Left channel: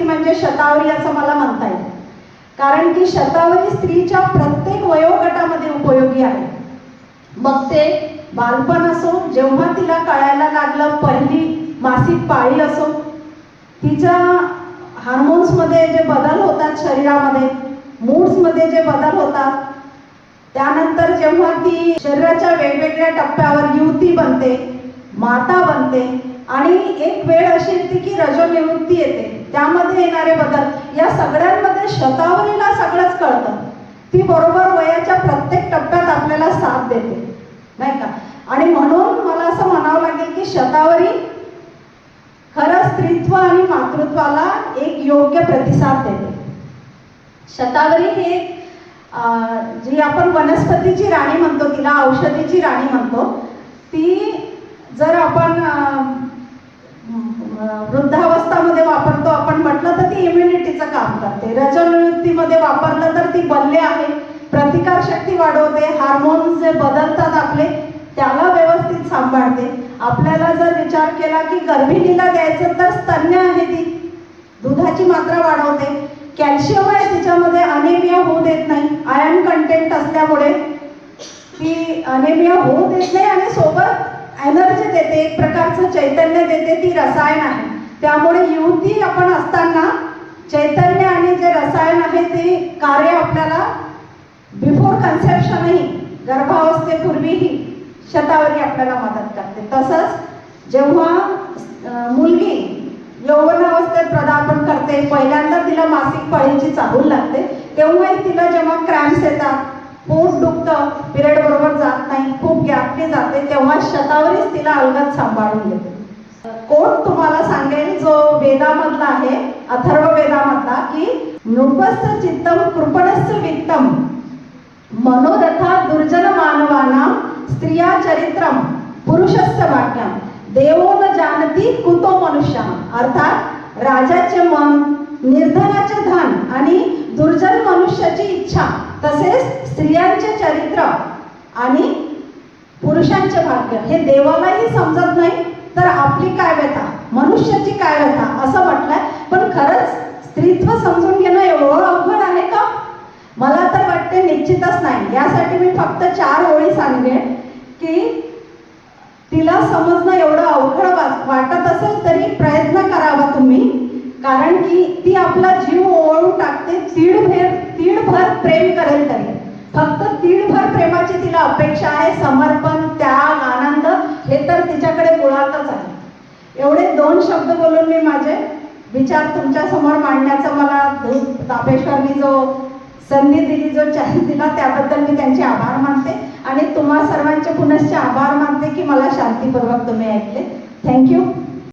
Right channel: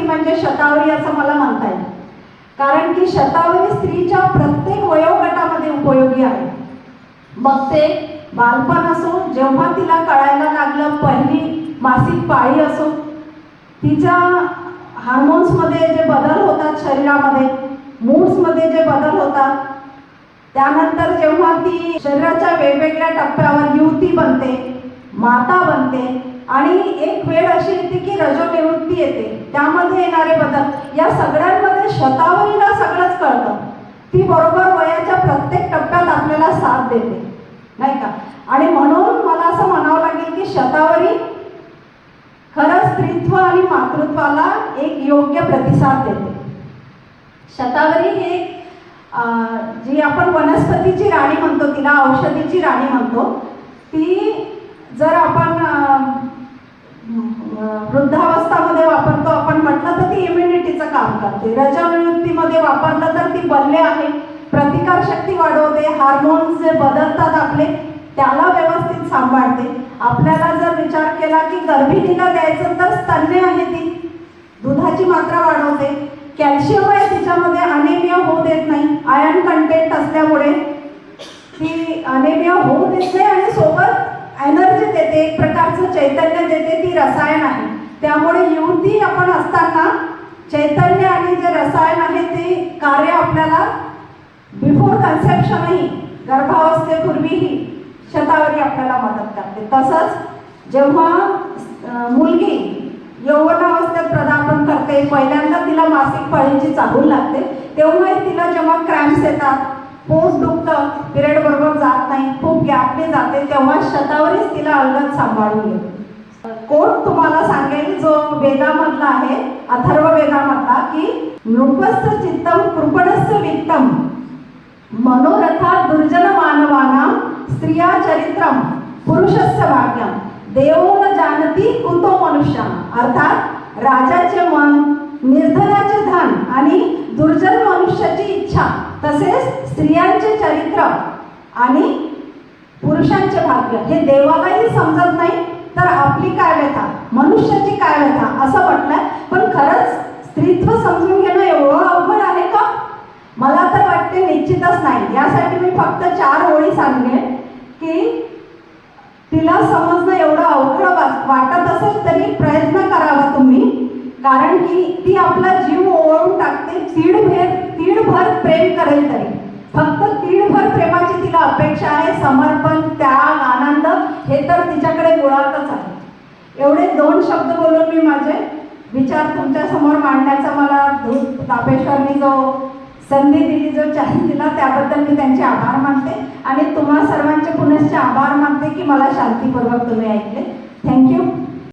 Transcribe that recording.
स्त्री म्हणजे शतावरी असं मला म्हणता येईल, कारण की शतावरी स्त्रीच्या प्रत्येक वयोगटामध्ये उपयोगी आहे. मग ते बालपण असो, जेव्हा तिला कळायला लागलं पहिली मासिक पाळी असो, तिच्या हार्मोन्समध्ये जे बदल होतात शरीरामध्ये, मूड्समध्ये जे बदल होतात, त्यानंतर जेव्हा ती शरीराच्या वेगवेगळ्या टप्प्यावर युवती बनते, माता बनते, आणि एक वेळ अशी येते की रजोनिवृत्ती येते, त्यामध्ये येणारे बदल, या सगळ्यांमध्ये शतावरीला सगळंच कळतं. ती बरोबर वयाच्या प्रत्येक टप्प्यात आपल्याला साथ देते, नाही का? आणि म्हणून मला असं म्हणावं लागेल की शतावरी खरं स्त्रीत्व आणि मातृत्वाला एक योग्य प्रतिसाद देते. शतावरी हे जी आपण वनस्पतीची राणी म्हणतो, तिला औषधीची राणी म्हणतो, ती जर आपण वृद्धावस्थामध्ये वापरतो आपण म्हटलं तर ती इम्युनिटीचं काम करते. रजोनिवृत्तीमध्ये वापरलं तर ती बल्ले आहे, प्रतिकारशक्ती वाढवते, हार्मोन्स जे बदलतात आपले त्याला व्यवस्थित सांभाळते. आपल्याला जर विचार केला की गर्भिणीला द्यायचं तर स्तन्य आहे, ती दुधाची मात्रा वाढवते, कॅल्शियम आहे तिच्यामध्ये, अनेमिया होऊ देत नाही, आयर्न कंटेंट असल्यामुळे ती अनेमिया होऊ देत नाही, आणि सोबत एनर्जी देते, एक प्रकारचं चैतन्य देते, ती रसायन आहे. त्यामुळे युवती आपण असताना चैतन्य आणि जे रसायन आहे ते कार्य आपल्याला बिफोर कन्सेप्शनही, गर्भावस्थेपूर्वीही शतावरी आपल्याला मदत करते. तसंच जेव्हा मुलगी यौवनावस्थेत पदार्पण करते, पहिल्यांदा तिला मासिक पाळीची चाहूल लागते, तेव्हाही तिला जेव्हा क्रॅम्प्स येतात, पोट दुखतं, पिरियड बरोबर जात नाही, खूप गॅपने जाते, तेव्हा शतावरीच तिला अलगद सांभाळून घेते. कोट तुम्हाला सांगेल जो वेदामधला आहे, अथर्व वेदामधला, की नृपस्य चित्तम कृपणस्य वित्तम मनोरथा दुर्जन मानवानां स्त्रिया चरित्रम पुरुषस्य वाक्यम देवो न जानती कुतो मनुष्य. अर्थात राजाचे मन, निर्धनाचे धन आणि दुर्जन मनुष्याची इच्छा, तसेच स्त्रियांचे चरित्र आणि पुरुषांचे भाग्य हे देवालाही समजत नाही, तर आपली काय व्यथा, मनुष्याची काय व्यथा असं म्हटलं. पण खरंच स्त्रीत्व समजून घेणं एवढं अवघड आहे का? मला तर वाटते निश्चितच नाही. यासाठी मी फक्त 4 ओळी सांगेन की तिला समजणं एवढं अवघड वाटत असेल तरी प्रयत्न करावा तुम्ही, कारण की ती आपला जीव ओवाळून टाकते, तीडभर प्रेम करेल तरी. फक्त तीडभर प्रेमाची तिला अपेक्षा आहे, समर्पण, त्याग, आनंद हे तर तिच्याकडे मुळातच आहे. एवढे 2 शब्द बोलून मी माझे विचार तुमच्या समोर मांडण्याचा मला तापेश्वरनी जो संधी दिली, जो चान्स दिला, त्याबद्दल मी त्यांचे आभार मानते, आणि तुम्हा सर्वांचे पुनश्च आभार मानते की मला शांतीपूर्वक तुम्ही ऐकले. थँक्यू.